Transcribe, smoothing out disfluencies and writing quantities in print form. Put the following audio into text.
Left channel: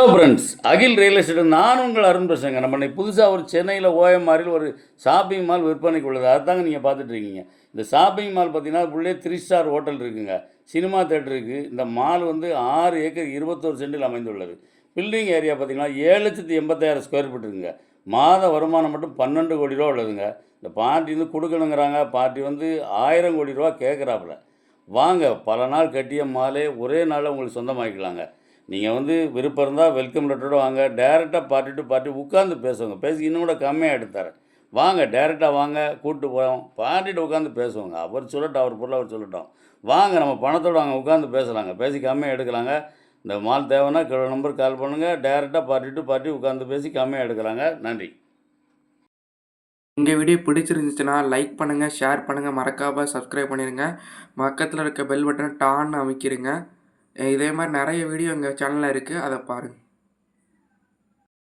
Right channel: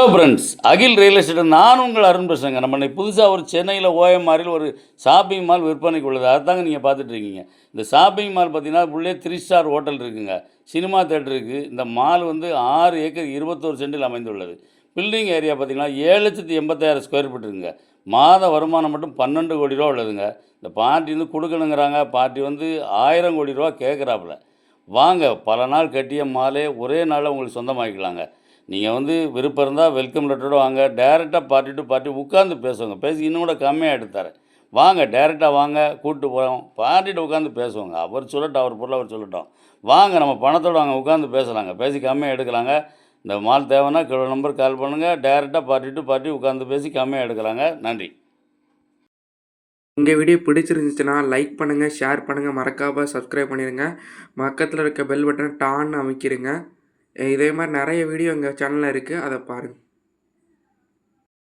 Hello friends, அகில் real estate நான் உங்கள் அருண் பேசுகிறேங்க. நம்ம இன்னைக்கு புதுசாக ஒரு சென்னையில் ஓஎம்ஆரில் ஒரு ஷாப்பிங் மால் விற்பனைக்கு உள்ளது. அதுதாங்க நீங்கள் பார்த்துட்டு இருக்கீங்க. இந்த ஷாப்பிங் மால் பார்த்தீங்கன்னா, உள்ளே 3 ஸ்டார் ஹோட்டல் இருக்குங்க. சினிமா தியேட்டர் இருக்குது. இந்த மால் வந்து 6 ஏக்கர் 21 சென்டில் அமைந்துள்ளது. பில்டிங் ஏரியா பார்த்தீங்கன்னா 7,80,000 ஸ்கொயர் ஃபீட் இருக்குங்க. மாத வருமானம் மட்டும் 12 கோடி ரூபா உள்ளதுங்க. இந்த பார்ட்டி வந்து கொடுக்கணுங்கிறாங்க. பார்ட்டி வந்து 1000 கோடி ரூபா கேட்குறாப்புல. வாங்க, பல நாள் கட்டிய மாலே ஒரே நாளில் உங்களுக்கு சொந்தமாக்கிக்கலாங்க. நீங்கள் வந்து விருப்பம் இருந்தால் வெல்கம் லெட்டரோட வாங்க. டைரெக்டாக பார்ட்டி டு பார்ட்டி உட்காந்து பேசுவோங்க. பேசி இன்னும் கூட கம்மியாக எடுத்து தரேன். வாங்க, டைரெக்டாக வாங்க, கூப்பிட்டு போகிறோம். பார்ட்டிகிட்ட உட்காந்து பேசுவோங்க. அவர் சொல்லட்டும், அவர் பொருள் அவர் சொல்லட்டும். வாங்க, நம்ம பணத்தோடு வாங்க, உட்காந்து பேசலாங்க. பேசி கம்மியாக எடுக்கலாங்க. இந்த மால் தேவைன்னா நம்பர் கால் பண்ணுங்கள். டைரெக்டாக பார்ட்டி டு பார்ட்டி உட்காந்து பேசி கம்மியாக எடுக்கலாங்க. நன்றி. எங்கள் வீடியோ பிடிச்சிருந்துச்சுன்னா லைக் பண்ணுங்கள், ஷேர் பண்ணுங்கள், மறக்காமல் சப்ஸ்கிரைப் பண்ணிடுங்க. பக்கத்தில் இருக்க பெல் பட்டனை டான்னு அமைக்கிருங்க. இதே மாதிரி நிறைய வீடியோ எங்கள் சேனலில் இருக்குது, அதை பாருங்கள்.